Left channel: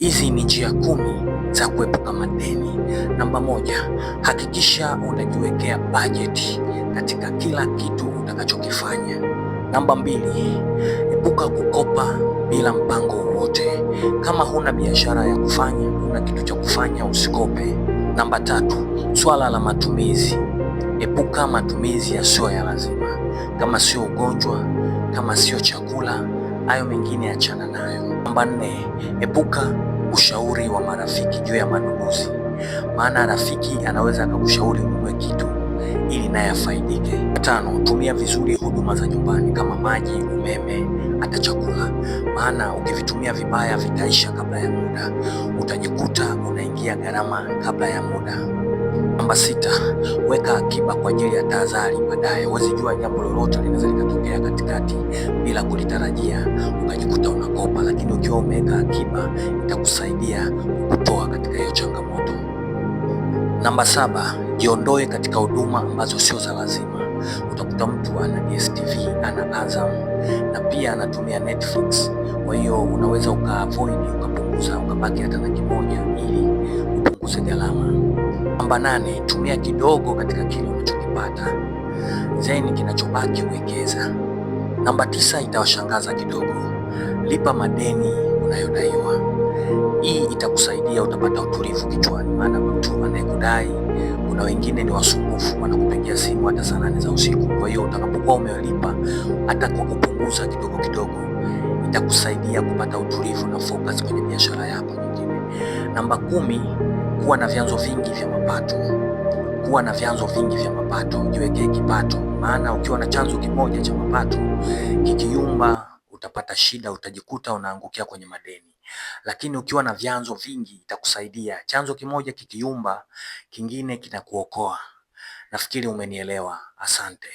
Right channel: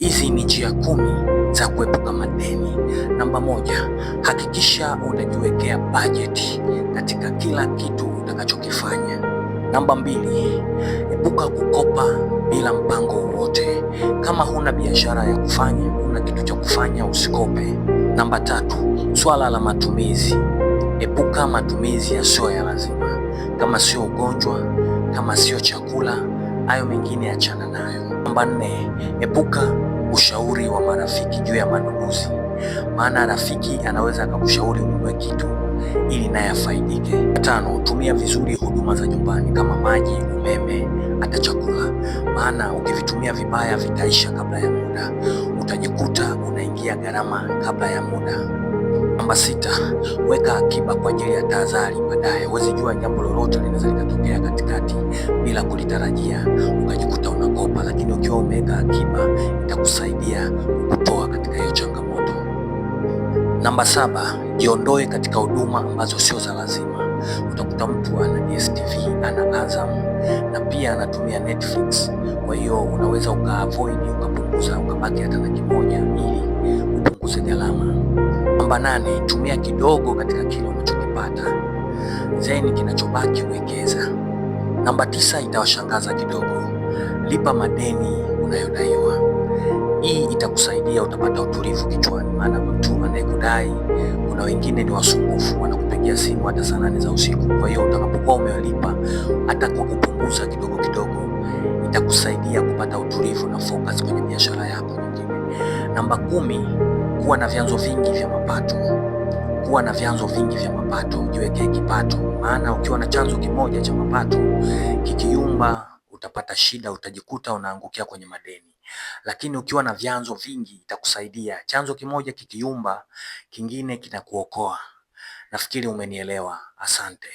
Hizi ni njia 10 za kuepuka madeni. Namba 1, hakikisha unajiwekea bajeti katika kila kitu utakachokifanya. Namba 2, epuka kukopa bila mpango wowote. Kama huna biashara ya kufanya, huna kitu cha kufanya, usikope. Namba 3, swala la matumizi. Epuka matumizi yasiyo ya lazima. Kama sio ugonjwa, kama sio chakula, hayo mengine achana nayo. Namba 4, epuka ushauri wa marafiki juu ya manunuzi, maana rafiki anaweza akakushauri ununue kitu ili naye afaidike. 5, tumia vizuri huduma za nyumbani kama maji, umeme, hata chakula, maana ukivitumia vibaya vitaisha kabla ya muda, utajikuta unaingia gharama kabla ya muda. Namba 6, weka akiba kwa ajili ya tahadhari baadaye. Huwezi jua jambo lolote linaweza likatokea katikati bila kulitarajia, ukajikuta unakopa, lakini ukiwa umeweka akiba itakusaidia kukutoa katika hiyo changamoto. Namba 7, jiondoe katika huduma ambazo sio za lazima. Utakuta mtu ana DStv, ana Azam na pia anatumia Netflix. Kwa hiyo unaweza ukaavoid, ukapunguza, ukabaki hata na kimoja ili upunguze gharama. Namba 8, tumia kidogo katika kile unachokipata, then kinachobaki uwekeza. Namba 9, itawashangaza kidogo, lipa madeni unayodaiwa. Hii itakusaidia, utapata utulivu kichwani, maana mtu anayekudai, kuna wengine ni wasumbufu, wanakupigia simu hata saa 8 za usiku. Kwa hiyo utakapokuwa umelipa hata kwa kupunguza kidogo kidogo, itakusaidia kupata utulivu na focus kwenye biashara yako nyingine. Namba 10, kuwa na vyanzo vingi vya mapato. Kuwa na vyanzo vingi vya mapato, jiwekee kipato, maana ukiwa na chanzo kimoja cha mapato kikiyumba, utapata shida, utajikuta unaangukia kwenye madeni. Lakini ukiwa na vyanzo vingi itakusaidia, chanzo kimoja kikiyumba, kingine kinakuokoa. Nafikiri umenielewa. Asante.